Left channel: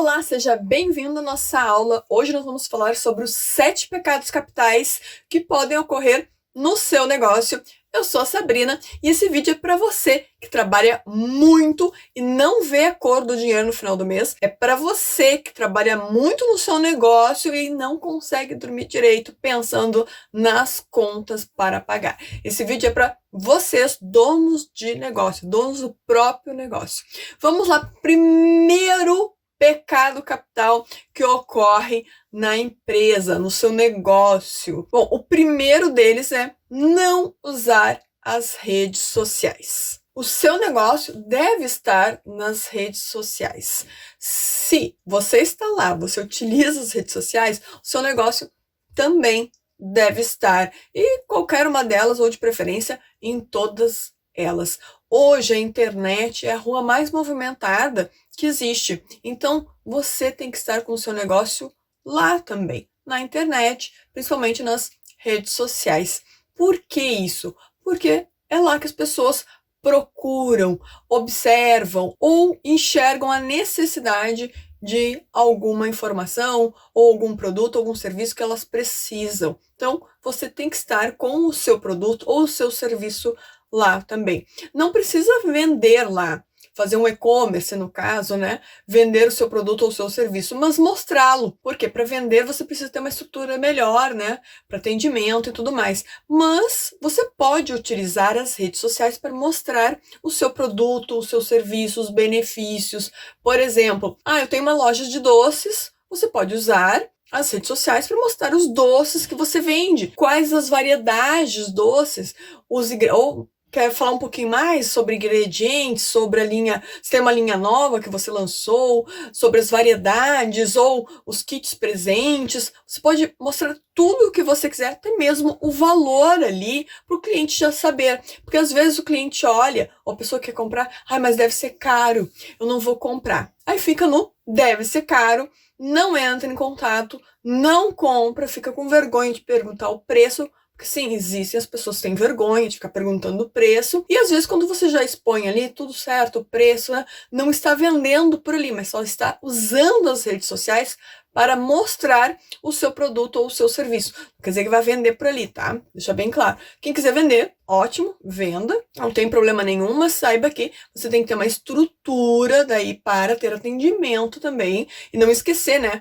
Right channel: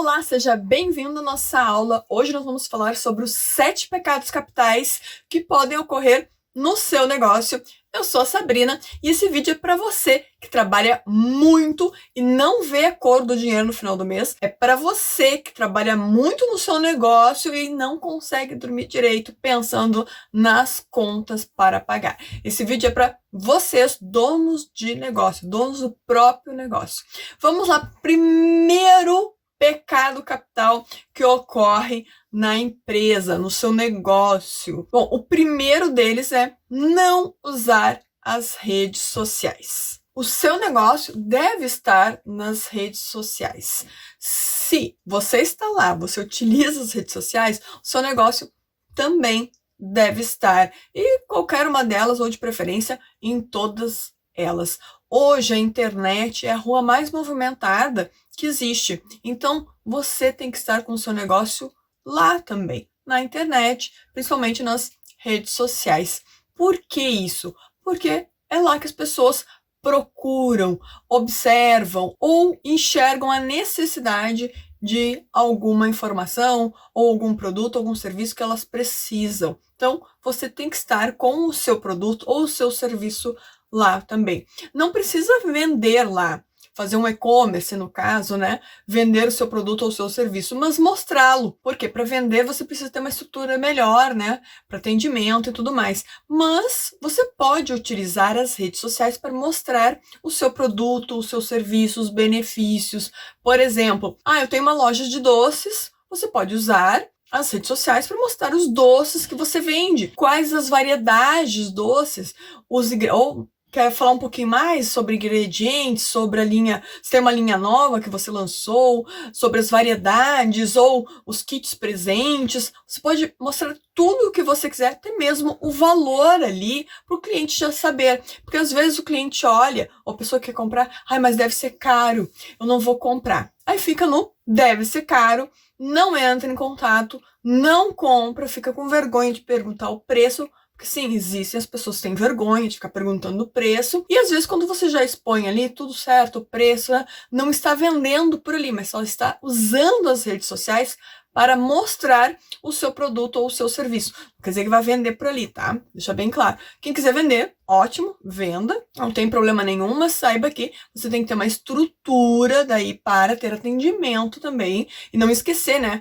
Olá, seja bem-vindo à nossa aula. Hoje nós vamos falar sobre os 7 pecados capitais que podem ocorrer no seu negócio. Eu sou a Sabrina e esse vídeo é para você que trabalha muito e não vê a cor do dinheiro no final do mês. É para você que trabalha muito no seu negócio e não consegue dormir direito pensando nas contas para pagar. Esse vídeo é para vocês, donos de negócio, donos do próprio negócio. Vamos lá, primeiro pecado capital que ocorre na empresa, no seu negócio. Bom, o primeiro deles é não usar as redes sociais. O seu negócio deve estar nas redes sociais. Se você está lá, você utiliza as redes sociais, o seu negócio também deve estar. E qualquer uma delas, ou de preferência, em todas elas. Hoje a internet é a rua mais movimentada que existe. Então, você tem que estar com o seu negócio lá também, na internet, principalmente nas redes sociais. Por que isso? Porque é lá que as pessoas procuram, observam ou enxergam a necessidade de alguma informação ou algum produto, algum serviço que elas precisam. Então, você tem que estar com o seu produto ou o seu serviço lá também. Não precisa vender lá, fazer um e-commerce no caso, né? Vender o seu produto ou o seu serviço, mas mostrá-lo. Porque para vender você precisa ter uma estrutura melhor, né? Para atendimento e tudo mais. Mas você pode utilizar as redes sociais para mostrar o seu produto, o seu serviço, os benefícios. Por exemplo, eu tenho uma loja de doces, você pode usar as redes sociais para mostrar os doces que você vende, quais as variedades de doces, ou quer falar um pouquinho mais sobre ingredientes, sobre a linha, se tem uma linha nova que você lançou, sobre as variedades ou os kits presentes. Você pode mostrar tudo o que você quiser, até mesmo o valor ali, para o cliente já saber. Porque às vezes o cliente olha, ou a pessoa quer comprar, mas deve ser caro, eu não vou comprar. Aí fica no deve ser caro, não entra em contato, não compra, fica com vergonha de perguntar o preço. Porque sim, existem as pessoas que têm vergonha de ficar perguntando o preço. E às vezes quando você já expõe ali tudo certo, o preço, né, não está vendendo por ali, mas só está usando as redes sociais para mostrar o seu produto ou o seu serviço. Não quer dizer que vai vender por ali, tá? Deixa bem claro. Quem quiser vender, ótimo, venda. Não tem problema nenhum, mas saiba que você tem que ter uma estrutura daí para ter atendimento também. E não esquecer, né?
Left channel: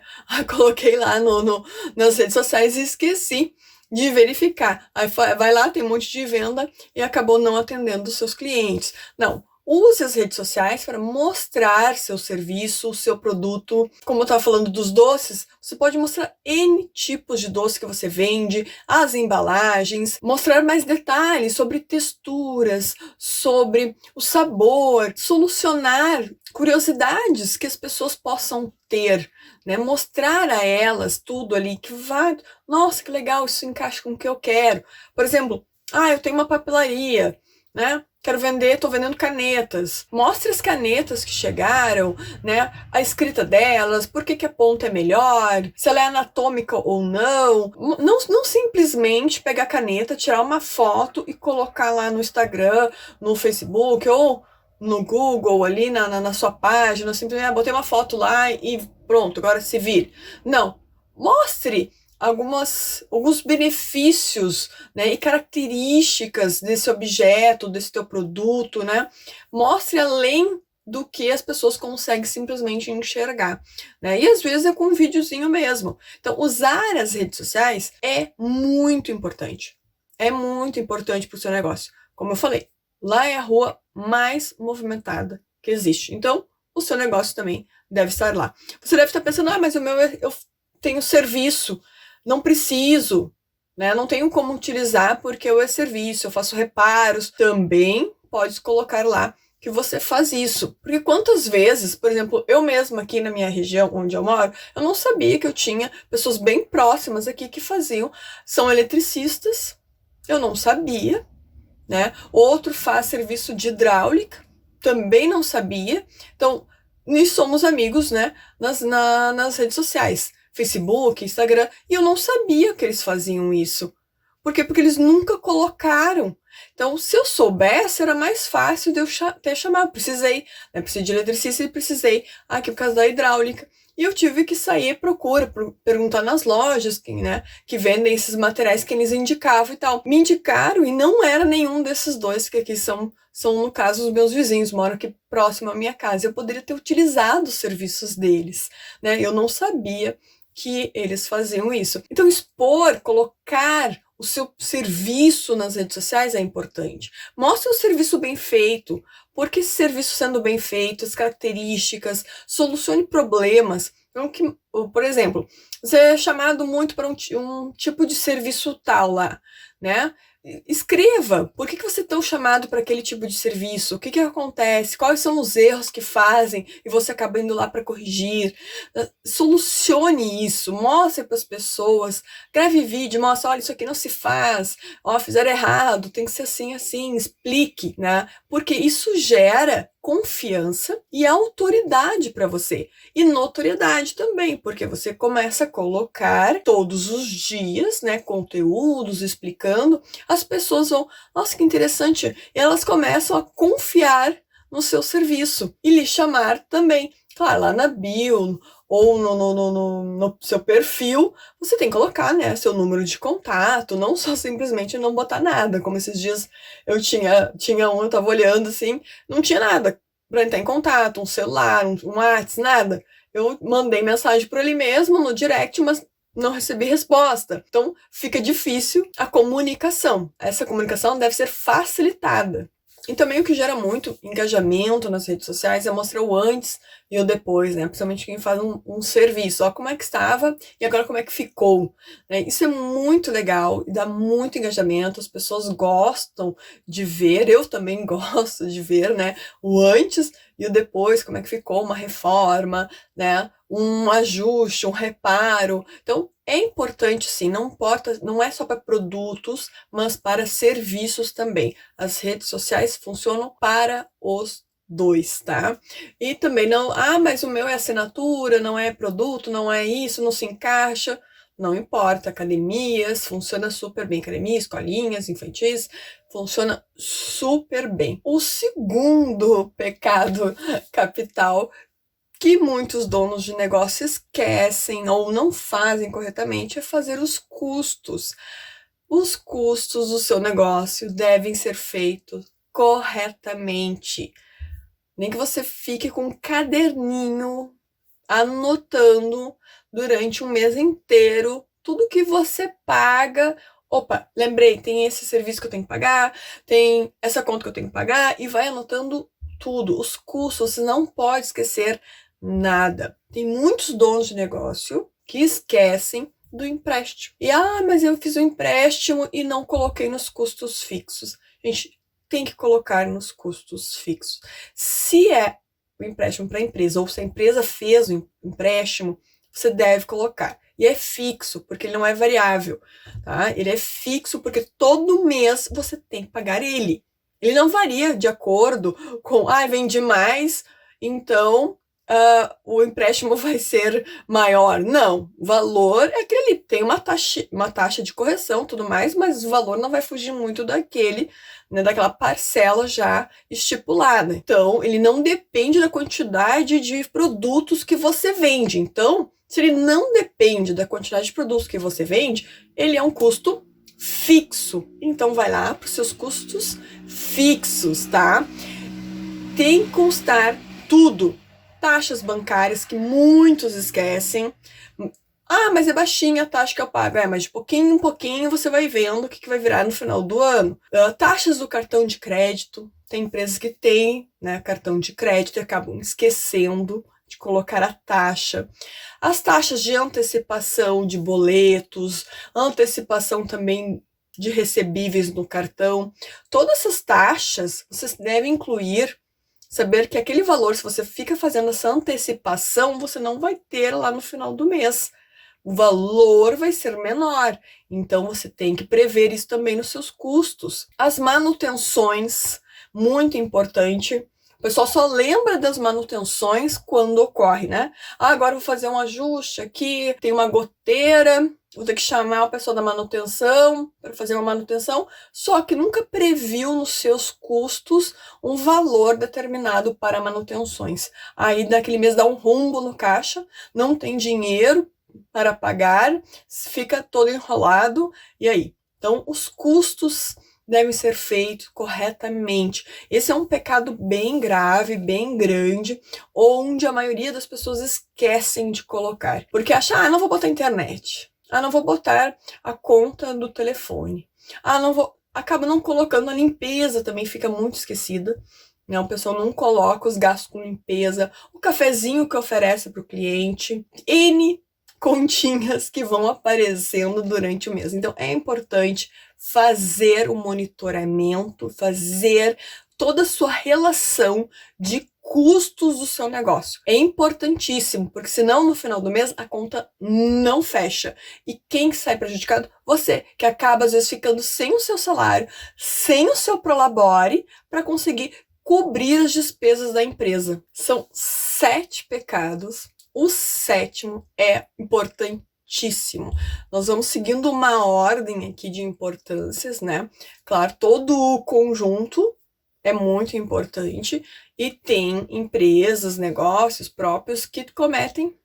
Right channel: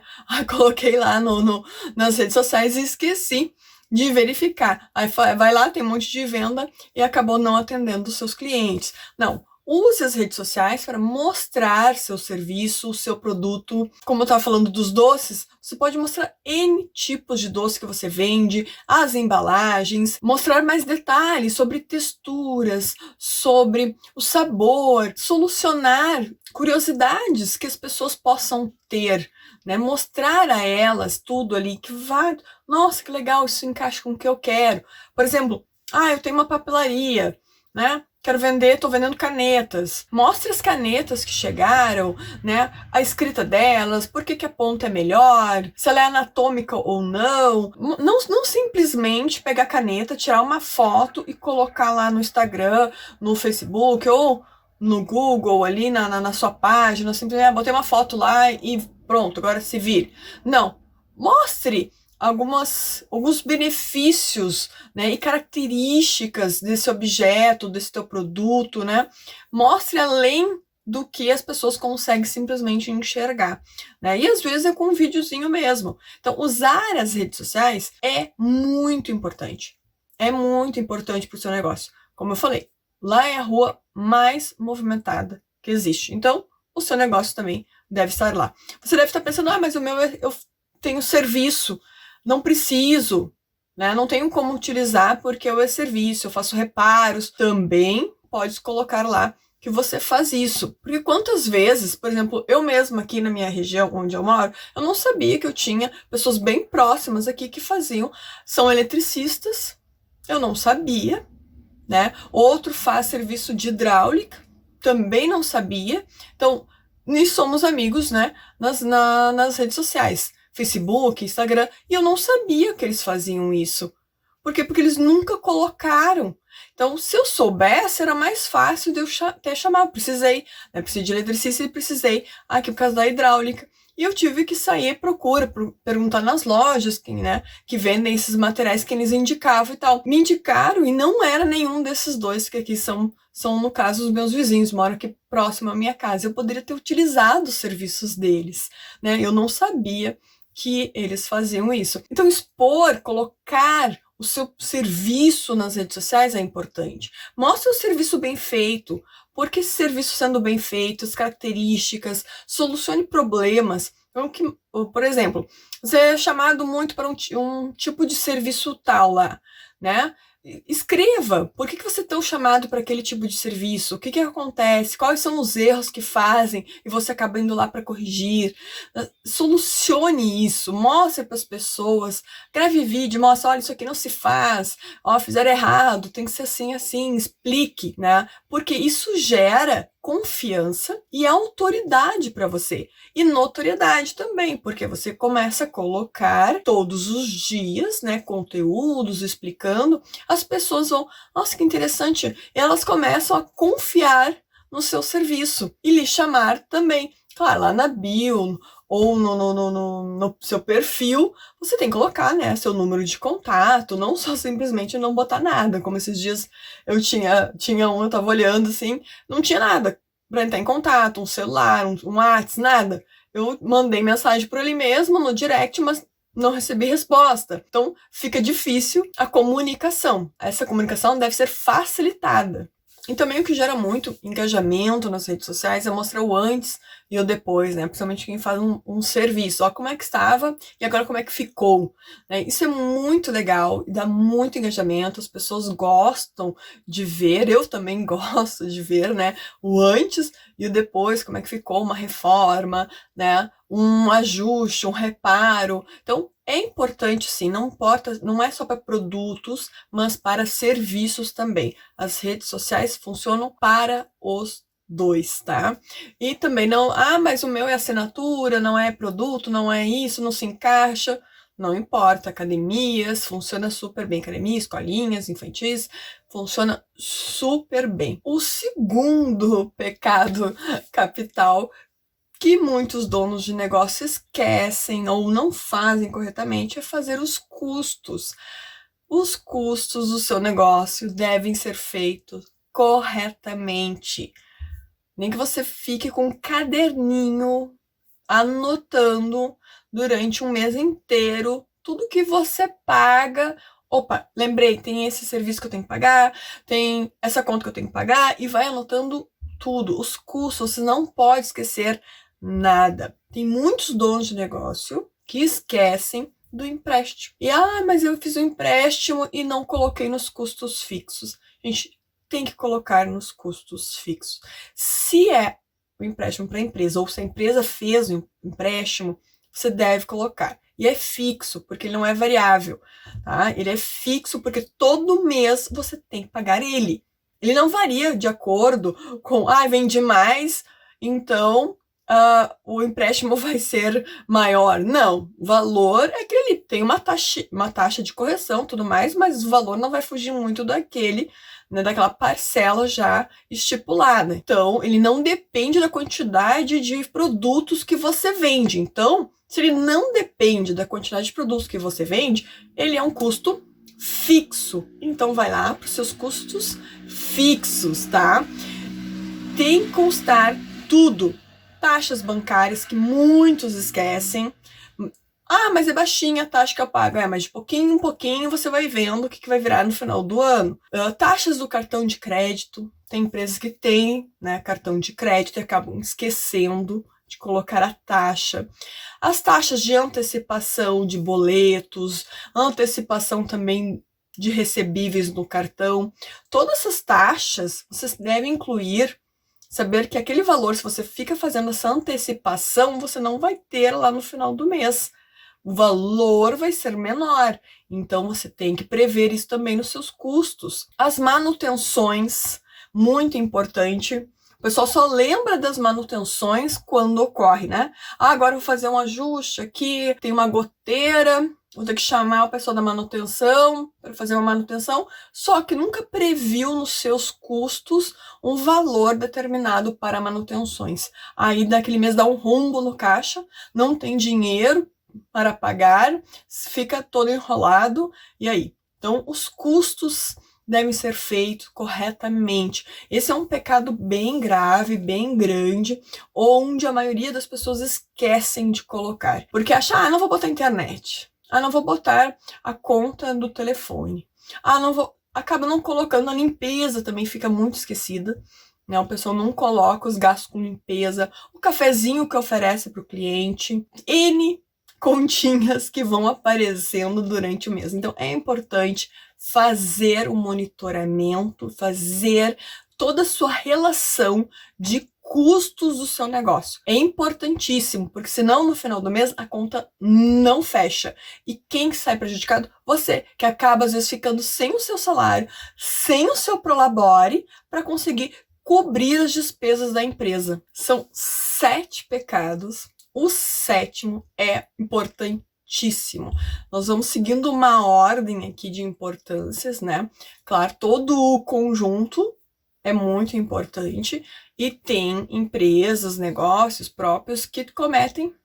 Coloquei lá nas redes sociais e esqueci de verificar. Aí vai lá, tem um monte de venda e acabou não atendendo os seus clientes. Não, use as redes sociais para mostrar seu serviço, o seu produto. Como eu estava falando dos doces, você pode mostrar N tipos de doce que você vende, as embalagens, mostrar mais detalhes sobre texturas, sobre o sabor, solucionar curiosidades que as pessoas possam ter, né? Mostrar a elas tudo ali que vai, nossa, que legal, isso encaixa com o que eu quero. Por exemplo, eu tenho uma papelaria, né? Quero vender, tô vendendo canetas. Mostre as canetas que chegaram, né? A escrita delas, por que a ponta é melhor, se ela é anatômica ou não. Não simplesmente pegar a caneta, tirar uma foto e colocar lá no Instagram, no Facebook ou no Google, ali na sua página, simplesmente botei uma foto lá e pronto, agora se vire. Não, mostre alguns benefícios, né, e características desse objeto, desse teu produto, né? Mostre além do que as pessoas conseguem simplesmente enxergar, né? E às vezes é com um videozinho mesmo. Então, usar as redes sociais é muito importante. É muito importante para o seu negócio. Como eu falei, lá é a rua mais movimentada que existe. Então, o seu negócio também deve estar lá. Você deve estar pensando, mas o meu eu tenho serviço, não preciso, né? Não tenho como utilizar porque eu é serviço, eu faço reparos. Também pode colocar lá que você faz isso. Porque quantas vezes, por exemplo, eu mesma aqui na minha região onde eu moro, eu não sabia que eu tinha pessoas bem próximas aqui que são eletricistas, eu não sabia, né? Outro faz serviço de hidráulica, também não sabia. Então, nós somos amigos, né? Nas redes sociais, Facebook, Instagram, e eu não sabia que eles faziam isso. Por quê? Porque eles nunca colocaram. Então, se eu soubesse, era mais fácil de eu até chamar. Precisei, né? Precisei de eletricista e precisei aqui por causa da hidráulica. E eu tive que sair à procura, perguntar nas lojas que vendem esses materiais que eles indicavam e tal. Me indicaram e não era nenhum desses dois, que aqui são no caso, os meus vizinhos, moram aqui próximo à minha casa. Eu poderia ter utilizado os serviços deles, né? Eu não sabia que eles faziam isso. Então, expor, colocar o seu serviço nas redes sociais é importante. Mostre o serviço bem feito, porque esse serviço sendo bem feito, as características, solucione problemas. Então, por exemplo, você é chamado muito para um tipo de serviço tal lá, né? Escreva, por que você é tão chamado para aquele tipo de serviço? O que acontece? Quais são os erros que fazem e você acaba indo lá para corrigir? Solucione isso, mostre para as pessoas, grave vídeo, mostre, olha, isso aqui não se faz, ó, fizeram errado, tem que ser assim, assim, explique, né? Porque isso gera confiança e autoridade para você. E notoriedade também, porque você começa a colocar todos os dias, né, conteúdos explicando, as pessoas vão, nossa, que interessante, e elas começam a confiar no seu serviço e lhe chamar também. Claro, lá na bio ou no seu perfil, você tem que colocar, né, seu número de contato, não só simplesmente não botar nada, como esses dias eu eu tava olhando assim, não tinha nada para entrar em contato, um celular, um WhatsApp, nada. Eu mandei mensagem por ele mesmo no direct, mas não recebi resposta. Então, fica difícil a comunicação. Essa comunicação deve ser facilitada. E também o que gera muito engajamento nas redes sociais é mostrar o antes e o depois, né? Principalmente quem faz um serviço. Ó, como é que estava e agora como é que ficou. Né? Isso é muito legal e dá muito engajamento. As pessoas gostam de ver, eu também gosto de ver, né? O antes e o depois, como é que ficou uma reforma, né? Um ajuste, um reparo. Então, é importante sim, não importa, não é só para produtos, mas para serviços também. As redes sociais funcionam para os dois, tá? E também não, mas o meu é assinatura, não é produto, não é isso, não se encaixa. Não importa, academias, funciona super bem. Academia, escolinhas, infantis, funciona super bem. O segundo pecado capital que muitos donos de negócio esquecem ou não fazem corretamente é fazer os custos. Os custos do seu negócio devem ser feitos corretamente. Nem que você fique com um caderninho anotando durante um mês inteiro tudo que você paga. Opa, lembrei, tem esse serviço que eu tenho que pagar, tem essa conta que eu tenho que pagar, e vai anotando tudo, os custos, você não pode esquecer nada. Tem muitos donos de negócio que esquecem do empréstimo. E, mas eu fiz o empréstimo e não coloquei nos custos fixos. Gente, tem que colocar nos custos fixos. Se é o empréstimo para a empresa, ou se a empresa fez o empréstimo, você deve colocar. E é fixo, porque ele não é variável, tá? Ele é fixo porque todo mês você tem que pagar ele. Ele não varia de acordo com, vende mais, então o empréstimo vai ser maior. Não, o valor é aquele, tem uma taxa de correção, tudo mais, mas o valor não vai fugir muito daquele, né, daquela parcela já estipulada. Então, ele não depende da quantidade de produtos que você vende. Então, se ele não depende da quantidade de produtos que você vende, ele é um custo fixo. Então, vai lá para os seus custos fixos, tá? Tem que constar tudo. Taxas bancárias que muitos esquecem. Mas é baixinha a taxa que eu pago. Mas de pouquinho em pouquinho você vai vendo o que vai virar no final do ano. Taxas do cartão de crédito. Tem empresas que têm, né, cartão de crédito e acabam esquecendo de colocar a taxa. As taxas de antecipação de boletos, antecipação também de recebíveis no cartão. Todas essas taxas vocês devem incluir. Saber que aquele valor, se você fica fazendo essa antecipação, você não vai ter lá no final do mês. O valor vai ser menor. Então, você tem que prever isso também nos seus custos. As manutenções, muito importante. O pessoal só lembra das manutenções quando ocorre, né? Ah, agora eu vou fazer um ajuste aqui, tem uma goteira, vou ter que chamar o pessoal da manutenção para fazer uma manutenção, só que nunca previu nos seus custos um valor determinado para manutenções. Aí daquele mês dá um rombo no caixa, não tem dinheiro para pagar, fica todo enrolado, e aí? Então, os custos devem ser feitos corretamente. Esse é um pecado bem grave, bem grande, onde a maioria das pessoas esquecem de colocar. Porque acha, não vou botar internet. Não vou botar a conta do telefone. Não vou... Acaba não colocando a limpeza, também fica muito esquecida. Né? O pessoal não coloca os gastos com limpeza, o cafezinho que oferece para o cliente, N continhas que vão aparecendo durante o mês. Então, é importante fazer o monitoramento, fazer toda a sua relação de custos do seu negócio. É importantíssimo, porque senão no final do mês a conta não fecha. E quem sai prejudicado? Você, que acaba às vezes ficando sem o seu salário, sem o seu prolabore, para conseguir cobrir as despesas da empresa. São 7 pecados. O 7º é importantíssimo. Nós vamos seguindo uma ordem aqui de importâncias, né? Claro, todo o conjunto é muito importante e tem empresas, negócios próprios que cometem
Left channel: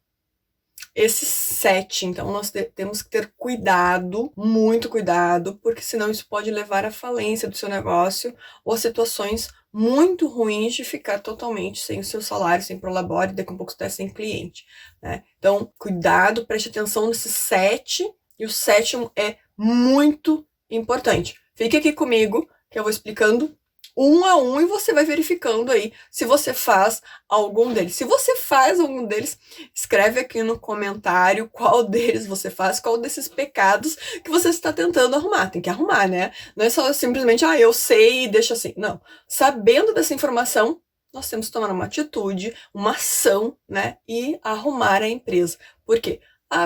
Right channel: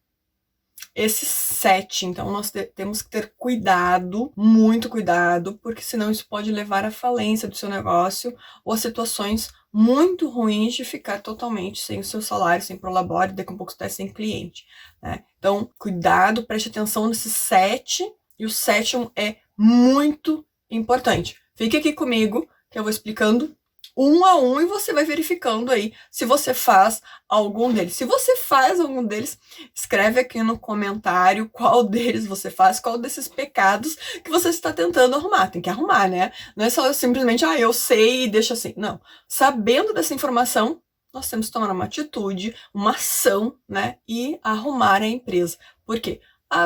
esses 7. Então, nós temos que ter cuidado, muito cuidado, porque senão isso pode levar à falência do seu negócio ou a situações muito ruins de ficar totalmente sem o seu salário, sem prolabore, daqui a pouco você está sem cliente, né? Então, cuidado, preste atenção nesses 7, e o 7º é muito importante. Fique aqui comigo, que eu vou explicando um a um e você vai verificando aí se você faz algum deles. Se você faz algum deles, escreve aqui no comentário qual deles você faz, qual desses pecados que você está tentando arrumar. Tem que arrumar, né? Não é só simplesmente, eu sei e deixa assim. Não. Sabendo dessa informação, nós temos que tomar uma atitude, uma ação, né? E arrumar a empresa. Por quê?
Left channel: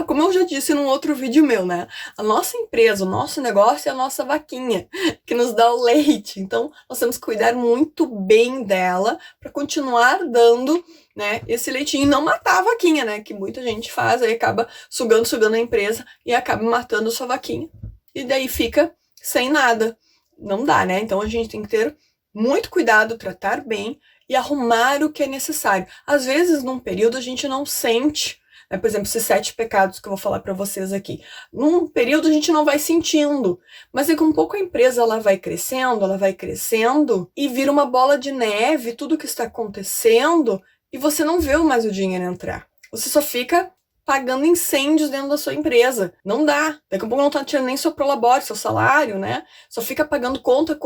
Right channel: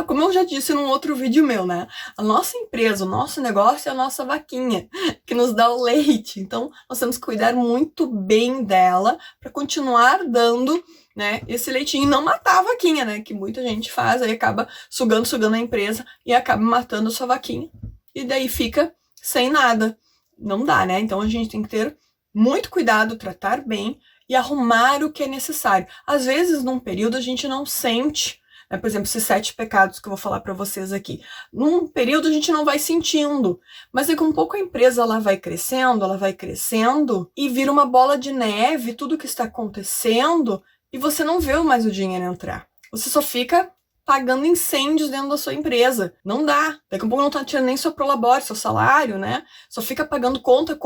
Como eu já disse num outro vídeo meu, né? A nossa empresa, o nosso negócio é a nossa vaquinha, que nos dá o leite. Então, nós temos que cuidar muito bem dela para continuar dando, né, esse leitinho e não matar a vaquinha, né? Que muita gente faz, aí acaba sugando a empresa e acaba matando a sua vaquinha. E daí fica sem nada. Não dá, né? Então, a gente tem que ter muito cuidado, tratar bem e arrumar o que é necessário. Às vezes, num período, a gente não sente, por exemplo, esses 7 pecados que eu vou falar para vocês aqui. Num período a gente não vai sentindo, mas daqui a um pouco a empresa ela vai crescendo e vira uma bola de neve, tudo que está acontecendo, e você não vê mais o dinheiro entrar. Você só fica pagando incêndios dentro da sua empresa. Não dá. Daqui a pouco não tá tirando nem seu prolabore, seu salário, né? Só fica pagando conta,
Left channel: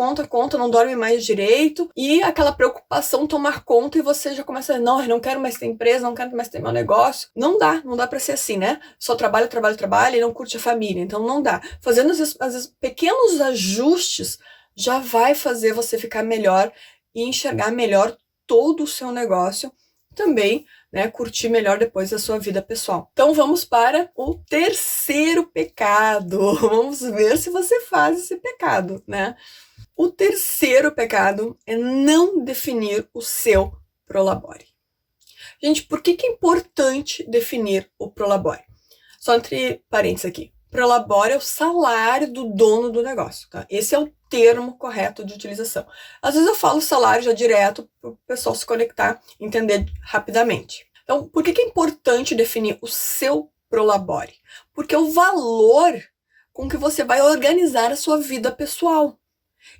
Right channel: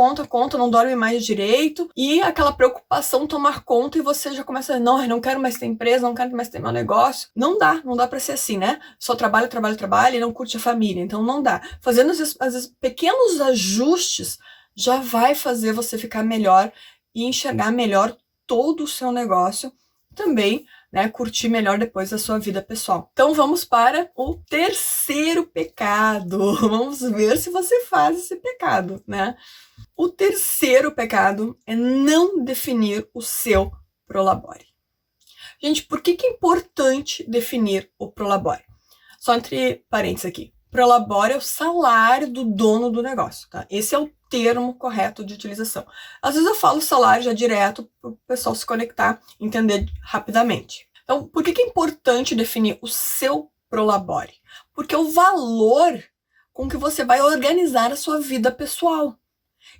não dorme mais direito. E aquela preocupação tomar conta e você já começa a não, eu não quero mais ter empresa, não quero mais ter meu negócio. Não dá pra ser assim, né? Só trabalha e não curte a família. Então não dá. Fazendo às vezes pequenos ajustes já vai fazer você ficar melhor e enxergar melhor todo o seu negócio também, né, curtir melhor depois a sua vida pessoal. Então vamos para o 3º pecado. Vamos ver se você faz esse pecado, né? O 3º pecado é não definir o seu prolabore. Gente, por que é importante definir o prolabore? Só entre parênteses aqui. Prolabore é o salário do dono do negócio, tá? Esse é o termo correto de utilização. Às vezes eu falo salário já direto para o pessoal se conectar e entender rapidamente. Então, por que é importante definir o seu prolabore? Porque é o valor com que você vai organizar a sua vida pessoal.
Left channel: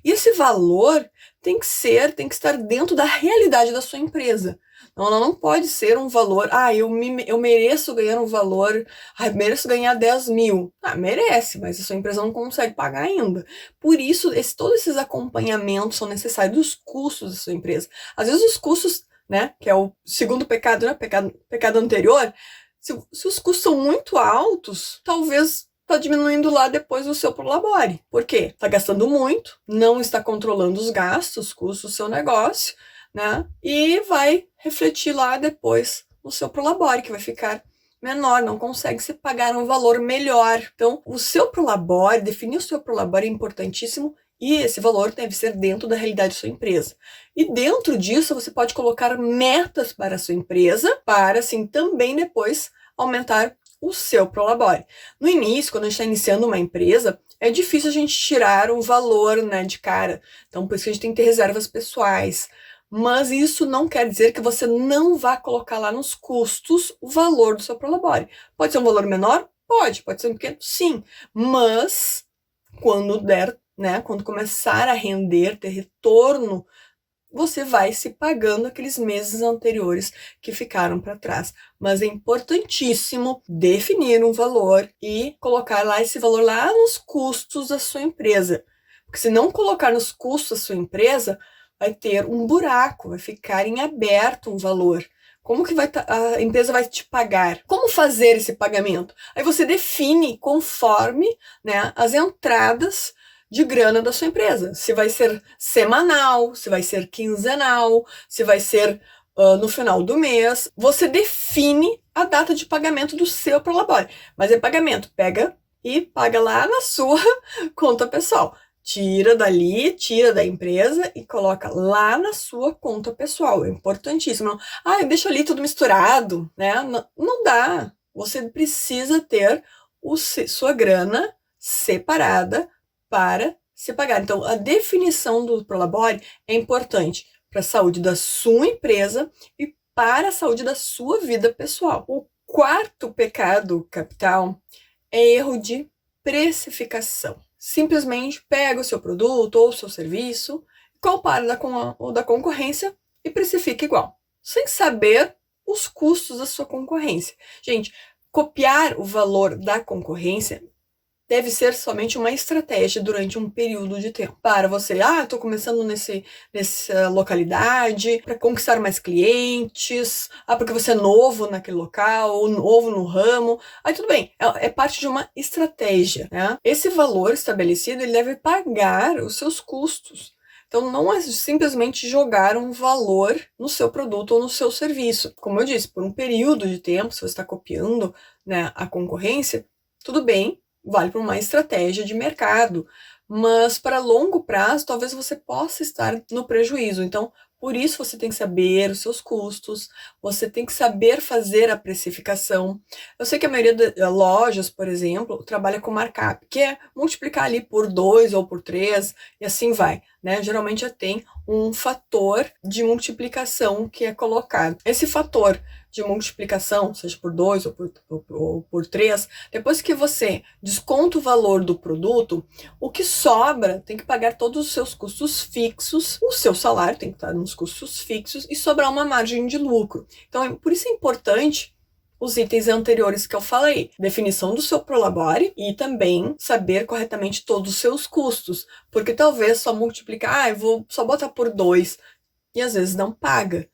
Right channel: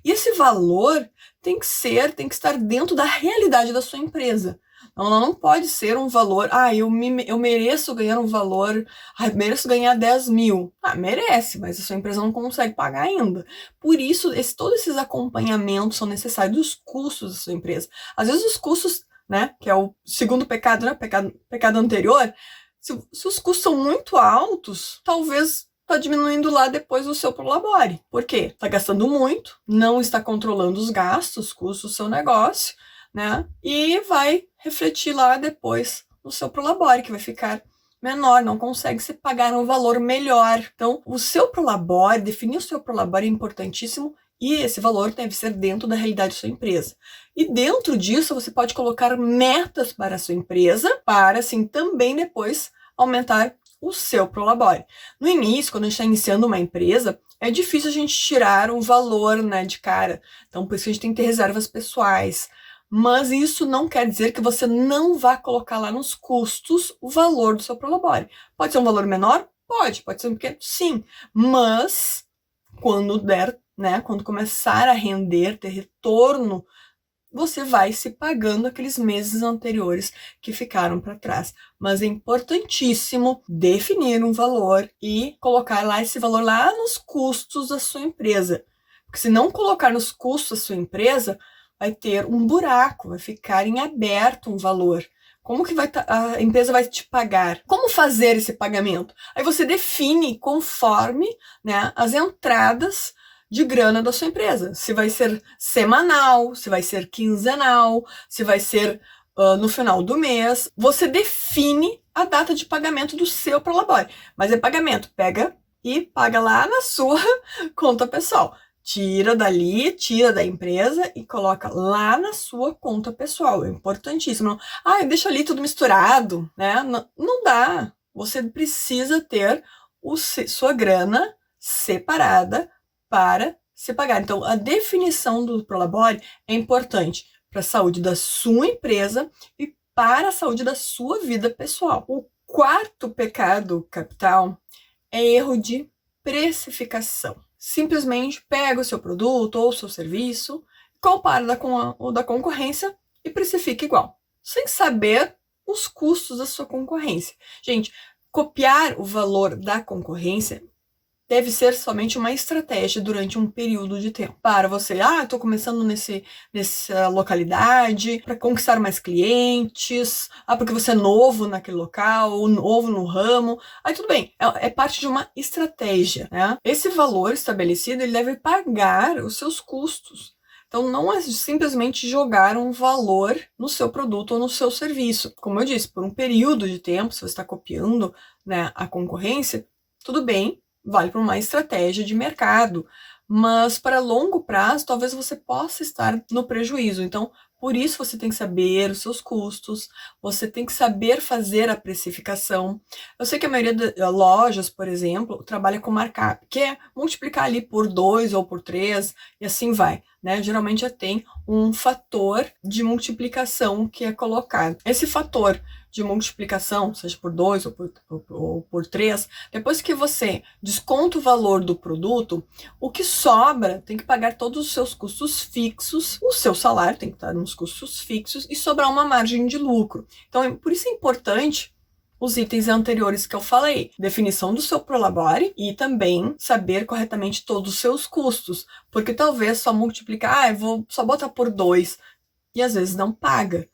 E esse valor tem que estar dentro da realidade da sua empresa. Ela não pode ser um valor, eu mereço ganhar um valor, mereço ganhar 10 mil. Merece, mas a sua empresa não consegue pagar ainda. Por isso, todos esses acompanhamentos são necessários dos custos da sua empresa. Às vezes os custos, né, que é o segundo pecado, né, pecado anterior, se os custos são muito altos, talvez está diminuindo lá depois do seu prolabore. Por quê? Está gastando muito, não está controlando os gastos, os custos do seu negócio, né? E vai refletir lá depois no seu prolabore, que vai ficar menor, não consegue se pagar um valor melhor. Então, o seu prolabore, definir o seu prolabore é importantíssimo E esse valor deve ser dentro da realidade da sua empresa. E dentro disso, você pode colocar metas para a sua empresa, para assim também depois aumentar o seu Prolabore. No início, quando a gente está iniciando uma empresa, é difícil a gente tirar um valor, né, de cara. Então, por isso que a gente tem que ter reservas pessoais. Mas isso não quer dizer que você não vá colocar lá nos custos o valor do seu Prolabore. Pode ser um valor menor? Pode ser um pequeno? Sim. Mas, quando der, né, quando começar a render, ter retorno, você vai se pagando aqueles meses anteriores que ficaram para trás. Mas é importantíssimo definir um valor e colocar lá esse valor lá nos custos da sua empresa. Porque se não colocar nos custos da sua empresa, vai ter um buraco, vai ficar em aberto um valor. Como que a empresa vai te pagar? Como fazer esse pagamento? Aí você define conforme, né, as entradas de grana da sua empresa. Se vai ser semanal, se vai ser quinzenal, se vai ser no final do mês. Você define a data de pagamento do seu Prolabore. Mas é pagamento, pega e paga lá na sua conta pessoal. Tira dali, tira da empresa e coloca lá na sua conta pessoal. É importantíssimo. Não, deixa ali tudo misturado, né? Não dá. Você precisa ter sua grana separada para se pagar. Então, a definição do Prolabore é importante para a saúde da sua empresa e para a saúde da sua vida pessoal. O quarto pecado capital é erro de precificação. Simplesmente pega o seu produto ou o seu serviço, compara com o da concorrência e precifica igual, sem saber os custos da sua concorrência. Gente, copiar o valor da concorrência deve ser somente uma estratégia durante um período de tempo. Para você, estou começando nessa localidade, para conquistar mais clientes, porque você é novo naquele local, ou novo no ramo. Aí tudo bem, é parte de uma estratégia, né? Esse valor estabelecido, ele deve pagar os seus custos. Então, não é simplesmente jogar um valor no seu produto ou no seu serviço. Como eu disse, por um período de tempo, se você está copiando, né, a concorrência, tudo bem, vale para uma estratégia de mercado, mas para longo prazo, talvez você possa estar no prejuízo. Então, por isso você tem que saber os seus custos, você tem que saber fazer a precificação. Eu sei que a maioria das lojas, por exemplo, trabalha com markup, que é multiplicar ali por 2 ou por 3 e assim vai, né? Geralmente já tem um fator de multiplicação que é colocado. Esse fator de multiplicação, seja por 2 ou por 3, depois que você desconta o valor do produto, o que sobra tem que pagar todos os seus custos fixos, o seu salário tem que estar nos custos fixos e sobrar uma margem de lucro. Então, por isso é importante os itens anteriores que eu falei, definição do seu Prolabore e também saber corretamente todos os seus custos, porque talvez só multiplicar, eu vou só botar por 2 e às vezes não paga.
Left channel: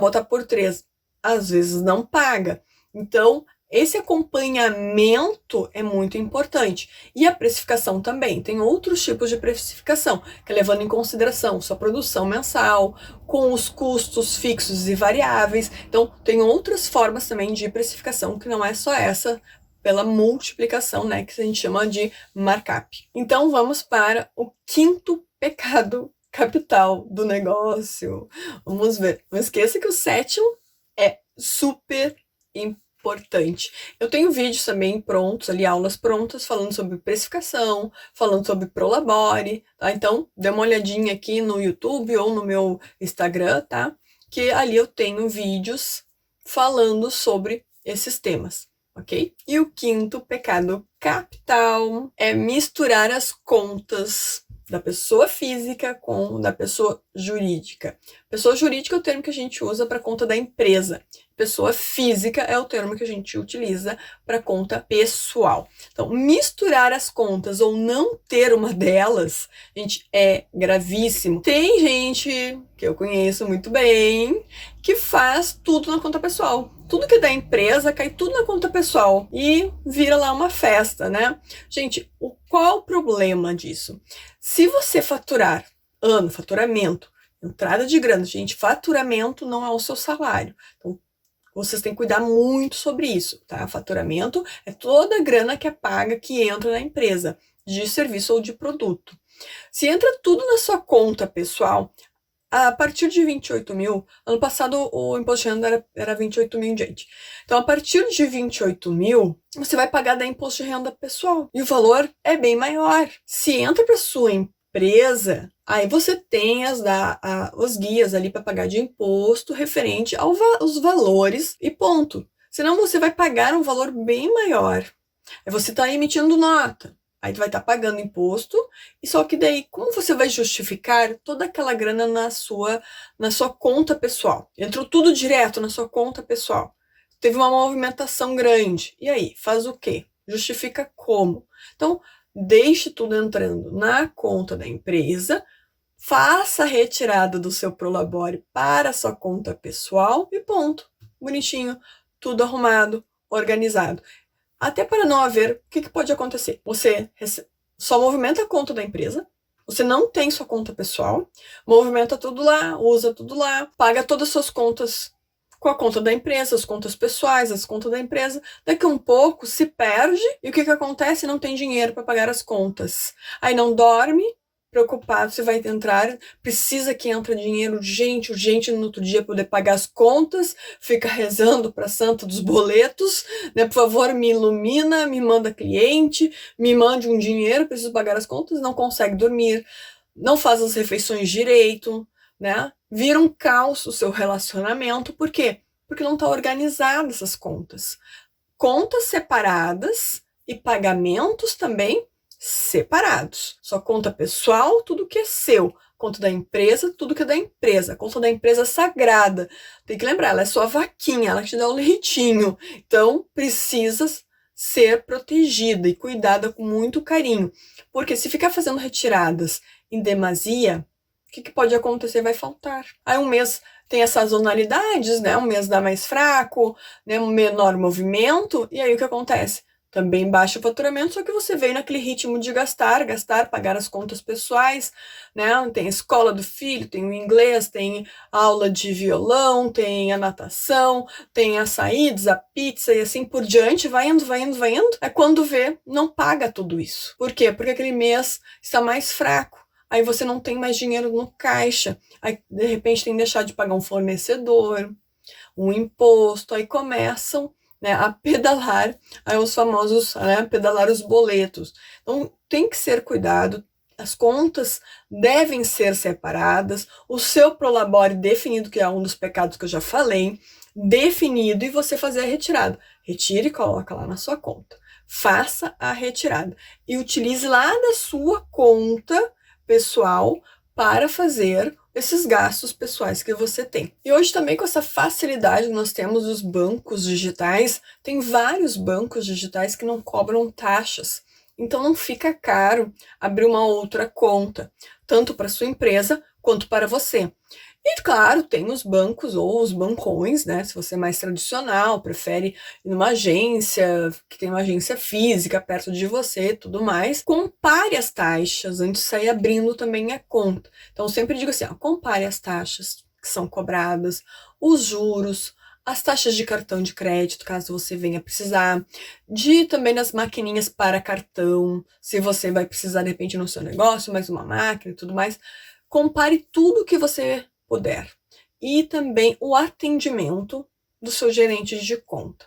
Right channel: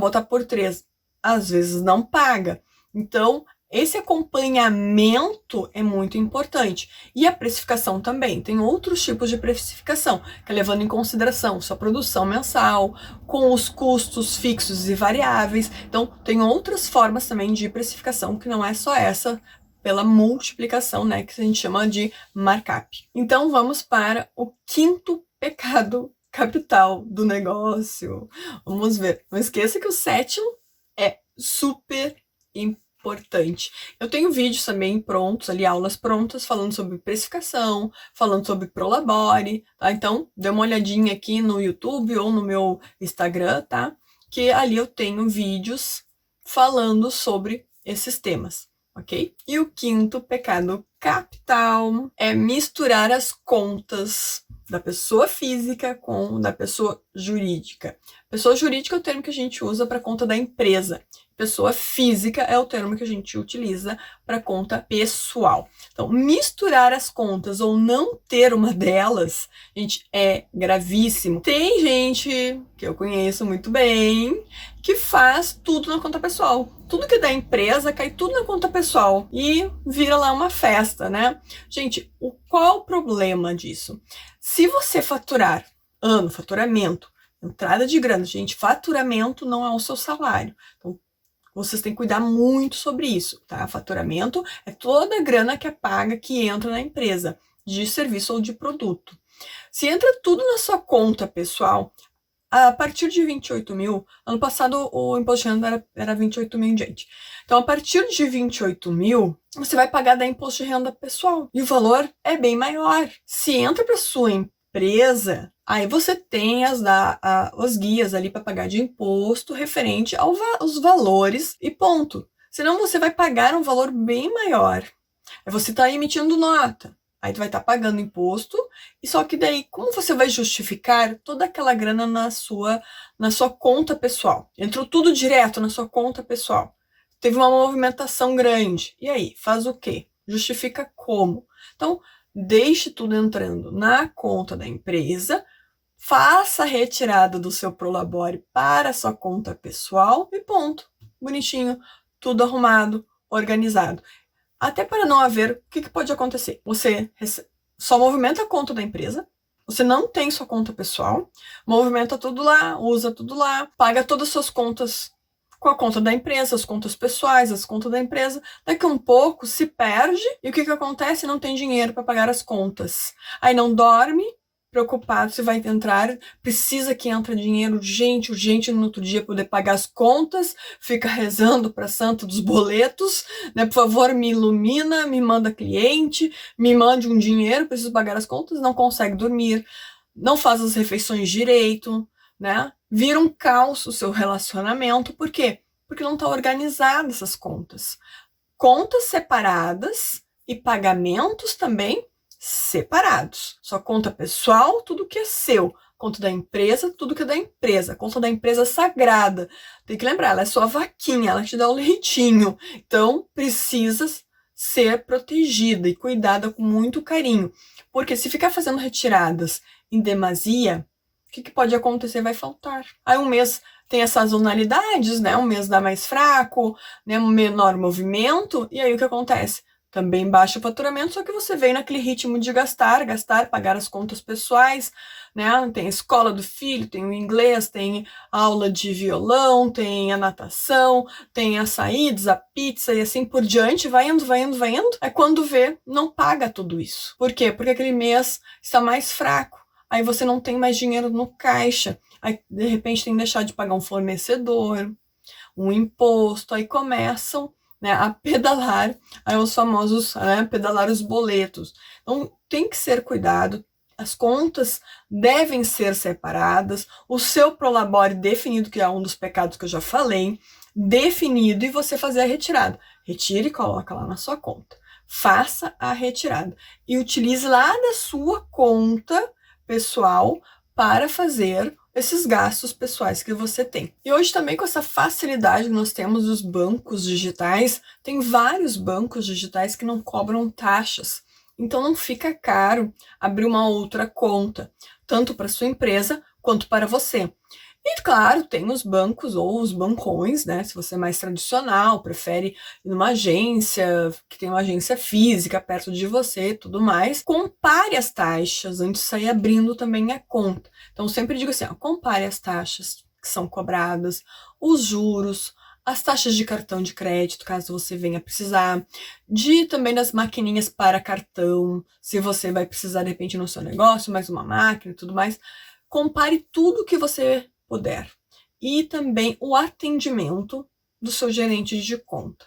Botar por 3, às vezes não paga. Então, esse acompanhamento é muito importante. E a precificação também. Tem outros tipos de precificação, que é levando em consideração sua produção mensal, com os custos fixos e variáveis. Então, tem outras formas também de precificação, que não é só essa, pela multiplicação, né, que a gente chama de markup. Então, vamos para o quinto pecado capital do negócio. Vamos ver. Não esqueça que o sétimo é super importante. Eu tenho vídeos também prontos, ali aulas prontas, falando sobre precificação, falando sobre Prolabore, tá? Então, dê uma olhadinha aqui no YouTube ou no meu Instagram, tá? Que ali eu tenho vídeos falando sobre esses temas, ok? E o quinto pecado capital é misturar as contas da pessoa física com da pessoa jurídica. Pessoa jurídica é o termo que a gente usa para conta da empresa. Pessoa física é o termo que a gente utiliza para conta pessoal. Então, misturar as contas ou não ter uma delas, gente, é gravíssimo. Tem gente que eu conheço muito bem que faz tudo na conta pessoal. Tudo que é da empresa cai tudo na conta pessoal e vira lá uma festa, né? Gente, qual é o problema disso? Se você faturar faturamento, entrada de grana, gente, faturamento não é o seu salário. Então, vocês têm que cuidar muito sobre isso, tá? Faturamento é toda a grana que é paga, que entra na empresa, de serviço ou de produto. Se entra tudo na sua conta pessoal, a partir de 28 mil, ano passado o imposto de renda era 28 mil em diante. Então, a partir de 28 mil, você vai pagar da imposto de renda pessoal. E o valor é bem maior. Se entra para sua empresa, aí você tem os guias ali para pagar de imposto referente aos valores e ponto. Senão você vai pagar um valor bem maior. Aí você está emitindo nota. Aí tu vai estar pagando imposto, e só que daí, como você vai justificar toda aquela grana na sua conta pessoal? Entrou tudo direto na sua conta pessoal. Teve uma movimentação grande. E aí, faz o quê? Justifica como? Então, deixe tudo entrando na conta da empresa, faça a retirada do seu Prolabore para a sua conta pessoal e ponto. Bonitinho, tudo arrumado, organizado. Até para não haver, o que pode acontecer? Você só movimenta a conta da empresa, você não tem sua conta pessoal, movimenta tudo lá, usa tudo lá, paga todas as suas contas com a conta da empresa, as contas pessoais, as contas da empresa. Daqui a um pouco se perde e o que acontece? Não tem dinheiro para pagar as contas. Aí não dorme, preocupado se vai entrar, precisa que entre dinheiro urgente no outro dia poder pagar as contas, fica rezando para a santa dos boletos, né? Por favor, me ilumina, me manda cliente, me mande um dinheiro, preciso pagar as contas, não consegue dormir, não faz as refeições direito, né? Vira um caos o seu relacionamento. Por quê? Porque não está organizado essas contas. Contas separadas e pagamentos também separados. Sua conta pessoal, tudo que é seu. Conta da empresa, tudo que é da empresa. Conta da empresa sagrada. Tem que lembrar, ela é sua vaquinha, ela te dá o leitinho. Então, precisa ser protegida e cuidada com muito carinho. Porque se ficar fazendo retiradas em demasia, o que pode acontecer? Vai faltar. Aí um mês tem as sazonalidades, né? Um mês dá mais fraco, né? Um menor movimento. E aí o que acontece? Também baixa o faturamento, só que você vem naquele ritmo de gastar, pagar as contas pessoais, né? Tem a escola do filho, tem o inglês, tem aula de violão, tem a natação, tem as saídas, a pizza e assim por diante, vai indo. É quando vê, não paga tudo isso. Por quê? Porque aquele mês está mais fraco. Aí você não tem mais dinheiro no caixa. Aí, de repente, tem que deixar de pagar um fornecedor, um imposto. Aí começam, né, a pedalar, aí os famosos, né, pedalar os boletos. Então, tem que ser cuidado. As contas devem ser separadas. O seu Prolabore definido, que é um dos pecados que eu já falei, definido, e você fazer a retirada. Retire e coloca lá na sua conta. Faça a retirada. E utilize lá da sua conta pessoal para fazer esses gastos pessoais que você tem. E hoje também, com essa facilidade que nós temos dos bancos digitais, tem vários bancos digitais que não cobram taxas. Então não fica caro abrir uma outra conta, tanto para sua empresa quanto para você. E claro, tem os bancos ou os bancões, né? Se você é mais tradicional, prefere ir numa agência, que tem uma agência física perto de você e tudo mais, compare as taxas antes de sair abrindo também a conta. Então, eu sempre digo assim, ó, compare as taxas que são cobradas, os juros, as taxas de cartão de crédito, caso você venha precisar, também das maquininhas para cartão, se você vai precisar, de repente, no seu negócio, mais uma máquina e tudo mais. Compare tudo que você puder. E também o atendimento do seu gerente de conta.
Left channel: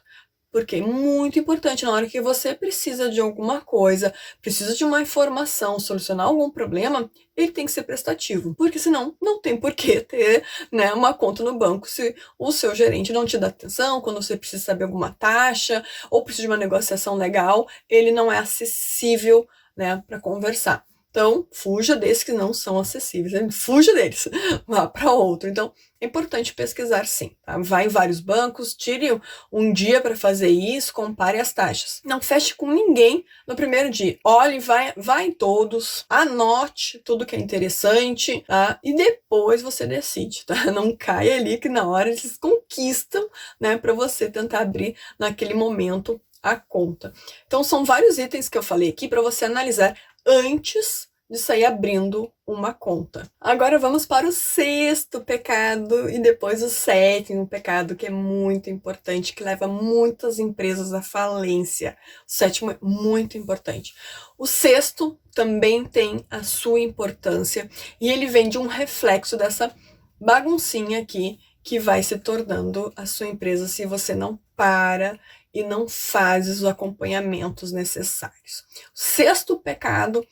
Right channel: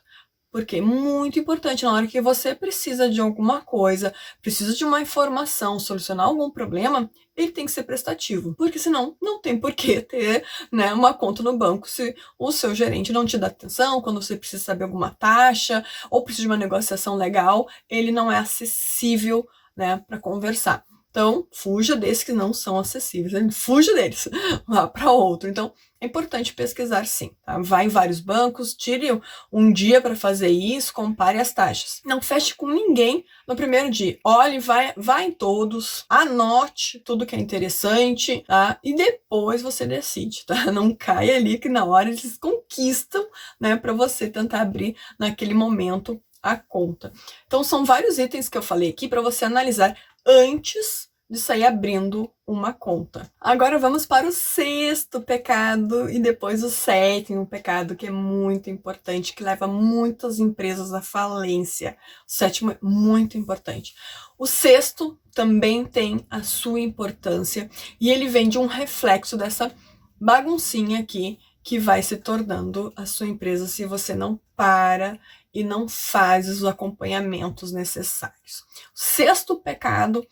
Porque é muito importante, na hora que você precisa de alguma coisa, precisa de uma informação, solucionar algum problema, ele tem que ser prestativo. Porque senão não tem por que ter, né, uma conta no banco se o seu gerente não te dá atenção, quando você precisa saber alguma taxa, ou precisa de uma negociação legal, ele não é acessível, né, para conversar. Então, fuja desses que não são acessíveis, né? Fuja deles, vá para outro. Então, é importante pesquisar sim, tá? Vá em vários bancos, tire um dia para fazer isso, compare as taxas. Não feche com ninguém no primeiro dia. Olhe, vai em todos, anote tudo que é interessante, tá? E depois você decide, tá? Não caia ali que na hora eles conquistam, né, para você tentar abrir naquele momento a conta. Então, são vários itens que eu falei aqui para você analisar antes de sair abrindo uma conta. Agora vamos para o sexto pecado e depois o sétimo pecado, que é muito importante, que leva muitas empresas à falência. O sétimo é muito importante. O sexto também tem a sua importância e ele vem de um reflexo dessa baguncinha aqui que vai se tornando a sua empresa se você não para e não faz os acompanhamentos necessários. O sexto pecado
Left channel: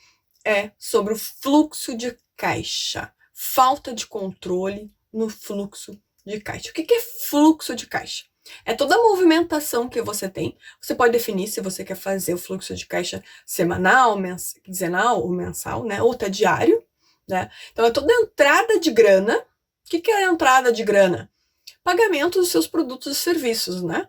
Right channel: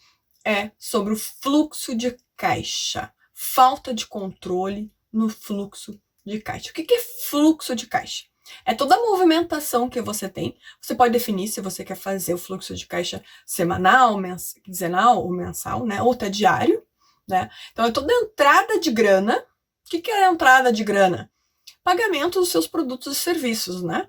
é sobre o fluxo de caixa, falta de controle no fluxo de caixa. O que é fluxo de caixa? É toda a movimentação que você tem. Você pode definir se você quer fazer o fluxo de caixa semanal, quinzenal ou mensal, né? Ou até diário, né? Então é toda a entrada de grana. O que é a entrada de grana? Pagamento dos seus produtos e serviços, né?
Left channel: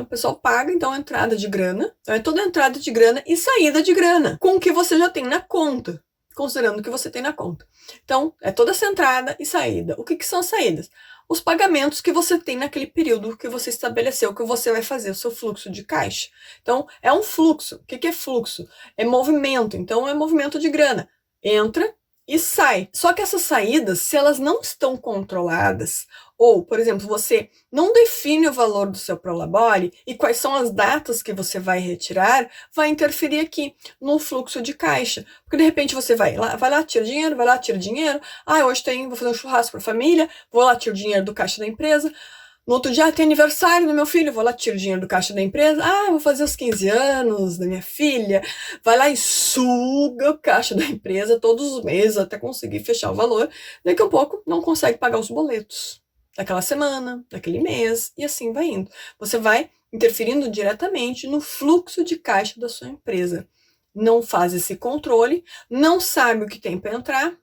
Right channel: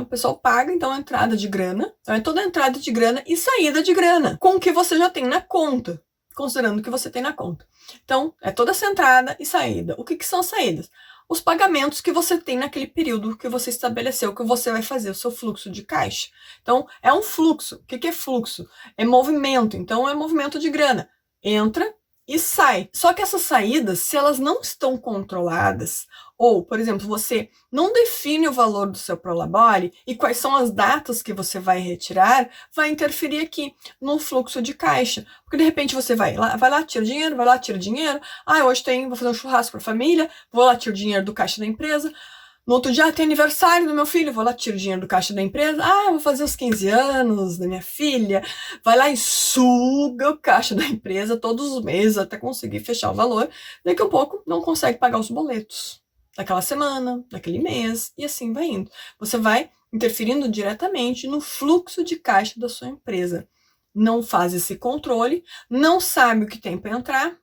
O pessoal paga, então, a entrada de grana. Então, é toda a entrada de grana e saída de grana, com o que você já tem na conta, considerando o que você tem na conta. Então, é toda essa entrada e saída. O que são as saídas? Os pagamentos que você tem naquele período que você estabeleceu, que você vai fazer o seu fluxo de caixa. Então, é um fluxo. O que é fluxo? É movimento. Então, é movimento de grana. Entra e sai. Só que essas saídas, se elas não estão controladas, ou, por exemplo, você não define o valor do seu Prolabore e quais são as datas que você vai retirar, vai interferir aqui no fluxo de caixa. Porque de repente você vai lá, tira dinheiro, vai lá, tira dinheiro. Hoje vou fazer um churrasco para a família, vou lá, tiro dinheiro do caixa da empresa. No outro dia, tem aniversário do meu filho, vou lá, tiro dinheiro do caixa da empresa. Vou fazer os 15 anos da minha filha. Vai lá e suga o caixa da empresa todos os meses até conseguir fechar o valor. Daqui a pouco, não consegue pagar os boletos daquela semana, daquele mês, e assim vai indo. Você vai interferindo diretamente no fluxo de caixa da sua empresa. Não faz esse controle, não sabe o que tem para entrar,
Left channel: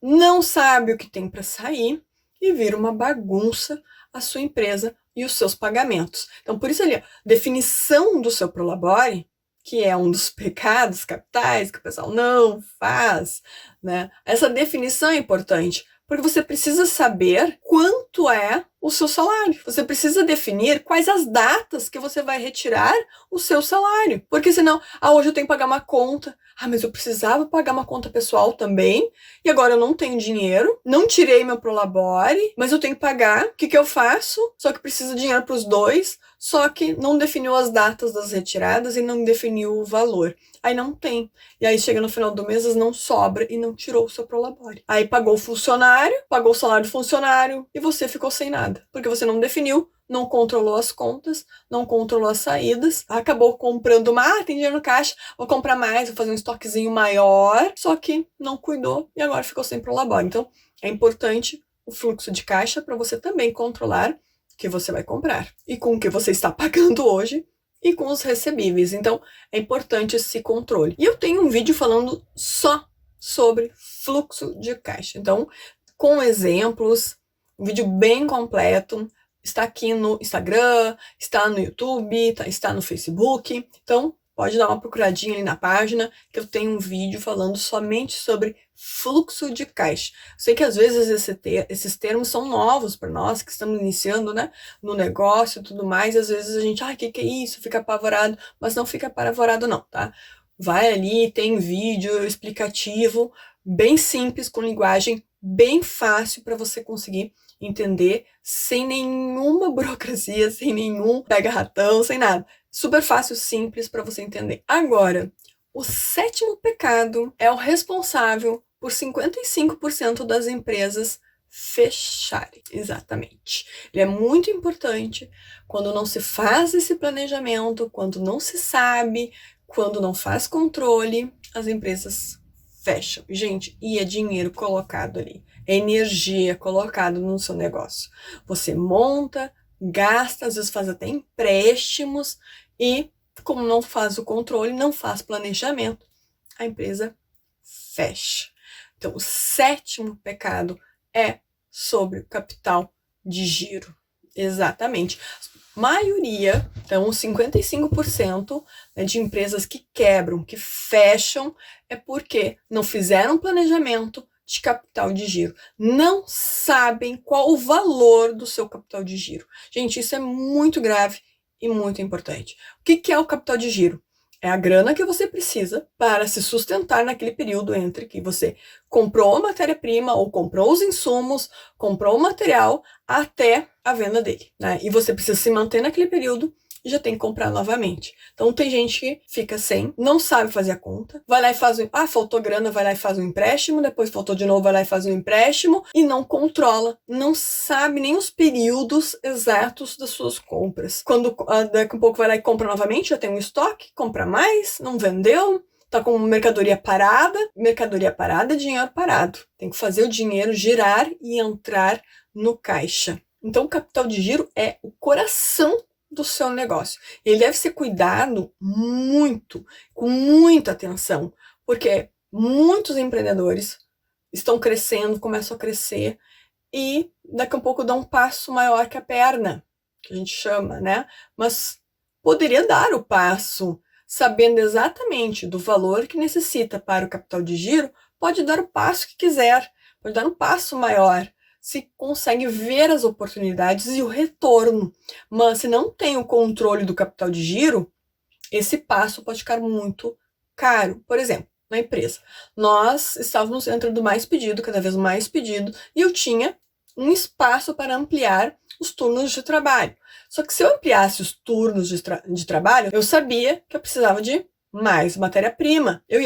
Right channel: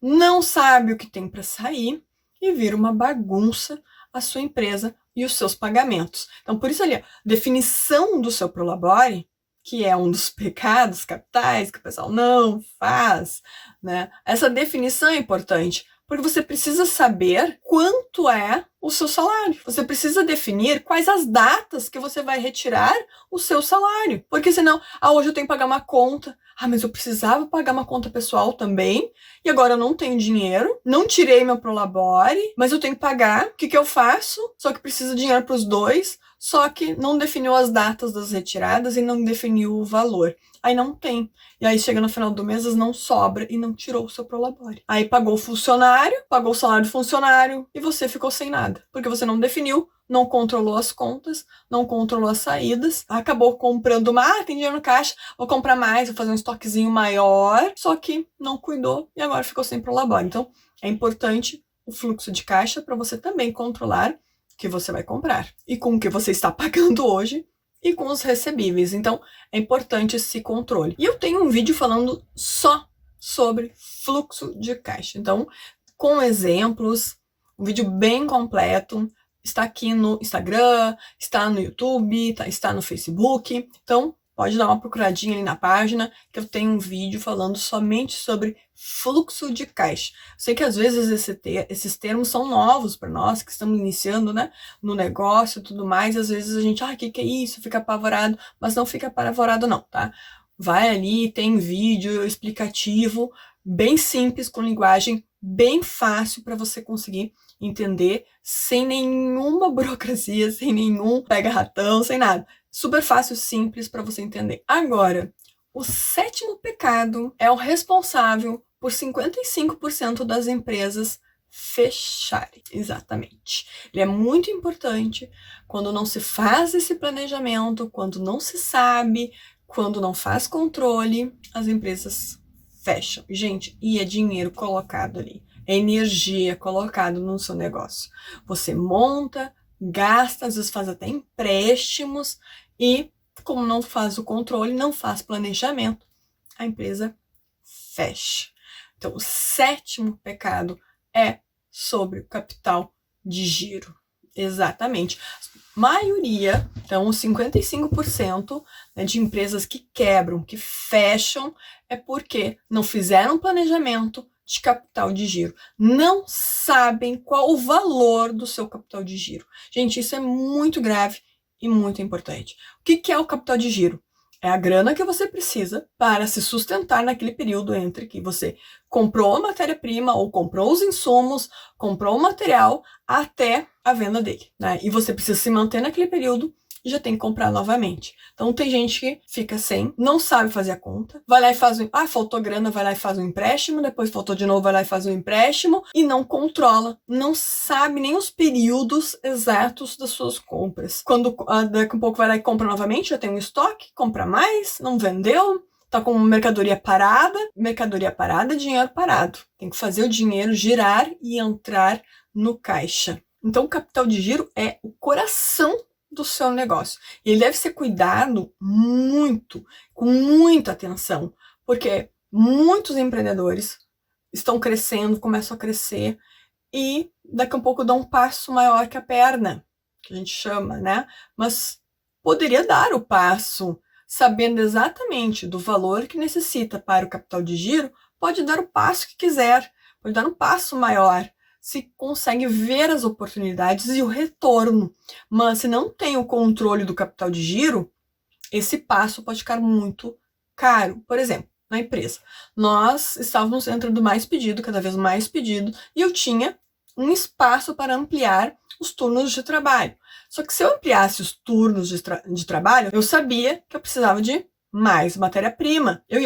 não sabe o que tem para sair, e vira uma bagunça a sua empresa e os seus pagamentos. Então, por isso ali, definição do seu Prolabore, que é um dos pecados capitais que o pessoal não faz, né? Essa definição é importante, porque você precisa saber quanto é o seu salário. Você precisa definir quais as datas que você vai retirar o seu salário. Porque senão, hoje eu tenho que pagar uma conta. Mas eu precisava pagar uma conta pessoal também, e agora eu não tenho dinheiro, não tirei meu Prolabore, mas eu tenho que pagar. O que eu faço? Só que precisa de dinheiro para os dois, só que não definiu as datas das retiradas e não definiu o valor. Aí não tem. E aí chega no final do mês, não sobra e não tirou o seu Prolabore. Aí pagou o funcionário, pagou o salário do funcionário e você ficou sem nada. Porque você não definiu, não controlou as contas, não controlou as saídas, acabou comprando tem dinheiro no caixa, vou comprar mais, vou fazer um estoquezinho maior, só que não cuidou e agora ficou sem Prolabore. Então, é importante o fluxo de caixa para você também controlar o que você vai comprar e com o que você está pagando hoje e com os recebíveis. Então, é importante esse controle. E eu tenho um vídeo falando só sobre fluxo de caixa. Então, com exemplos, um vídeo bem completo. Está aqui no Instagram, está no YouTube, está no Facebook. Então, pode dar uma procuradinha ali na página, que eu tenho um vídeo falando somente sobre fluxo de caixa. Sei que às vezes esses termos são novos para nós, que estamos iniciando, né, no negócio e tudo mais, e às vezes a gente, o que é isso? Fica apavorado, mas não fica apavorado não, tá? Vai ali, tem vídeo explicativo, bem simples, com linguagem bem fácil para você conseguir entender, sem nenhuma burocracia, sem nenhum pega-ratão, sem nada. Super fácil, simples para você entender. Agora, o sétimo pecado é o responsável por 55% das empresas fecharem. Exatamente. Ele é muito importante quando não se faz esse planejamento, quando não se sabe, quando não faz controle, as empresas fecham. Gente, e é dinheiro colocado ali. É energia colocada no seu negócio. Você monta, gasta, às vezes faz até empréstimos e, como não faz o controle, não faz planejamento, a empresa fecha. Então, o sétimo pecado é sobre o capital de giro. Exatamente. Maioria, então 55%, né, de empresas que quebram, que fecham, é porque não fizeram planejamento de capital de giro. Não sabem qual o valor do seu capital de giro. Gente, isso é muito grave e muito importante. O que é o capital de giro? É a grana que você precisa para se sustentar naquele período entre que você comprou a matéria-prima ou comprou os insumos, comprou o material até a venda dele, né? E você precisa se manter naquele período e já tem que comprar novamente. Então tem gente que fica sem, não sabe fazer a conta, vai lá e faz faltou grana, vai lá e faz um empréstimo, depois faltou de novo, vai lá e faz um empréstimo e não controla, não sabe nem os períodos exatos das suas compras. Quando daqui a pouco vai lá e compra novamente, já tem um estoque, compra mais, não vendeu, tá com mercadoria parada é dinheiro parado. Tem que fazer o dinheiro girar e entrar no caixa. Então o capital de giro é o coração do seu negócio. E ele deve ser cuidado muito, com muita atenção, porque muitos empreendedores estão crescendo, começam a crescer e daqui a pouco dão um passo maior que a perna, que a gente chama, né? Mas poderia dar o passo, sabendo exatamente do valor que necessita para o capital de giro, pode dar o passo que quiser, pode dar um passo maior, se consegue ver as oportunidades e o retorno. Mas se não tem o controle do capital de giro, esse passo pode ficar muito caro. Por exemplo, na empresa, nós estávamos entrando mais pedido, cada vez mais pedido, e eu tinha um espaço para ampliar os turnos de trabalho. Só que se eu ampliasse os turnos de trabalho, eu sabia que eu precisava de mais matéria-prima. Eu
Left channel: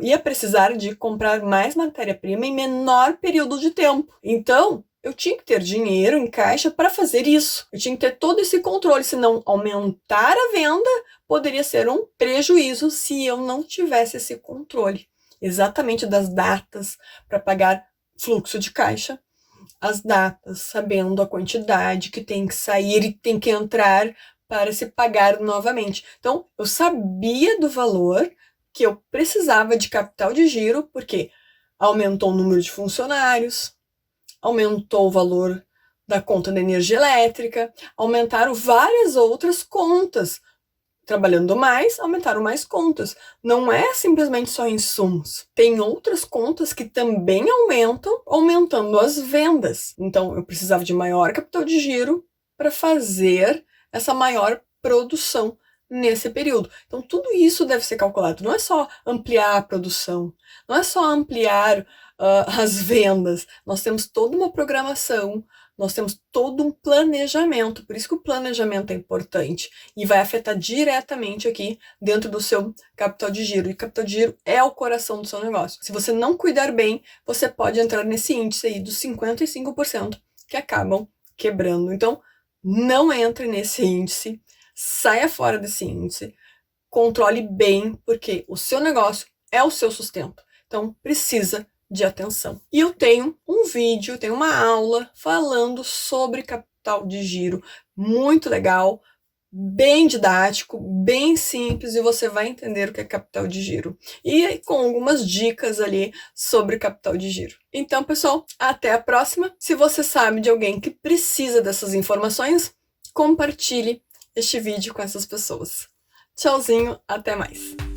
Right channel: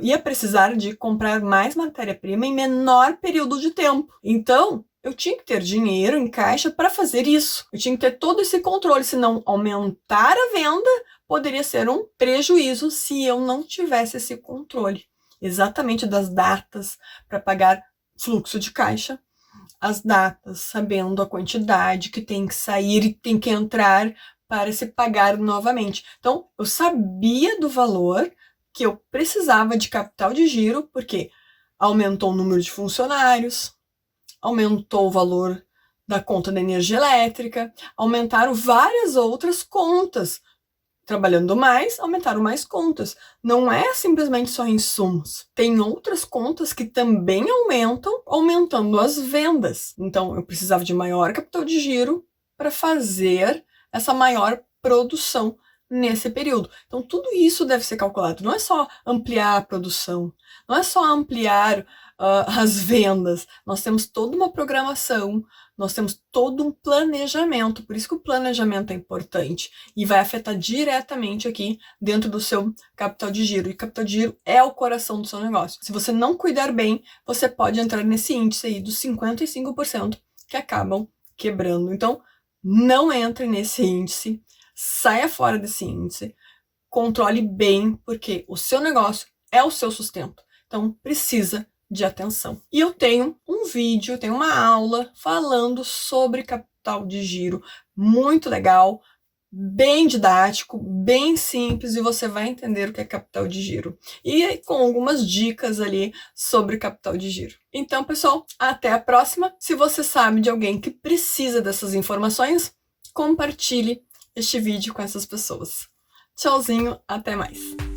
ia precisar de comprar mais matéria-prima em menor período de tempo. Então, eu tinha que ter dinheiro em caixa para fazer isso. Eu tinha que ter todo esse controle, senão aumentar a venda poderia ser um prejuízo se eu não tivesse esse controle. Exatamente das datas para pagar fluxo de caixa, as datas, sabendo a quantidade que tem que sair e tem que entrar para se pagar novamente. Então, eu sabia do valor que eu precisava de capital de giro, porque aumentou o número de funcionários, aumentou o valor da conta da energia elétrica, aumentaram várias outras contas. Trabalhando mais, aumentaram mais contas. Não é simplesmente só insumos. Tem outras contas que também aumentam, aumentando as vendas. Então, eu precisava de maior capital de giro para fazer essa maior produção nesse período. Então, tudo isso deve ser calculado. Não é só ampliar a produção, não é só ampliar as vendas. Nós temos toda uma programação, nós temos todo um planejamento. Por isso que o planejamento é importante e vai afetar diretamente aqui dentro do seu capital de giro. E capital de giro é o coração do seu negócio. Se você não cuidar bem, você pode entrar nesse índice aí dos 55% que acabam quebrando. Então, não entre nesse índice, saia fora desse índice, controle bem, porque o seu negócio é o seu sustento. Então, precisa de atenção. E eu tenho um vídeo, tenho uma aula falando sobre capital de giro, muito legal, bem didático, bem simples, e você vai entender o que é capital de giro. E com algumas dicas ali sobre capital de giro. Então, pessoal, até a próxima. Se você sabe de alguém que precisa dessas informações, compartilhe este vídeo com essas pessoas. Tchauzinho, até mais!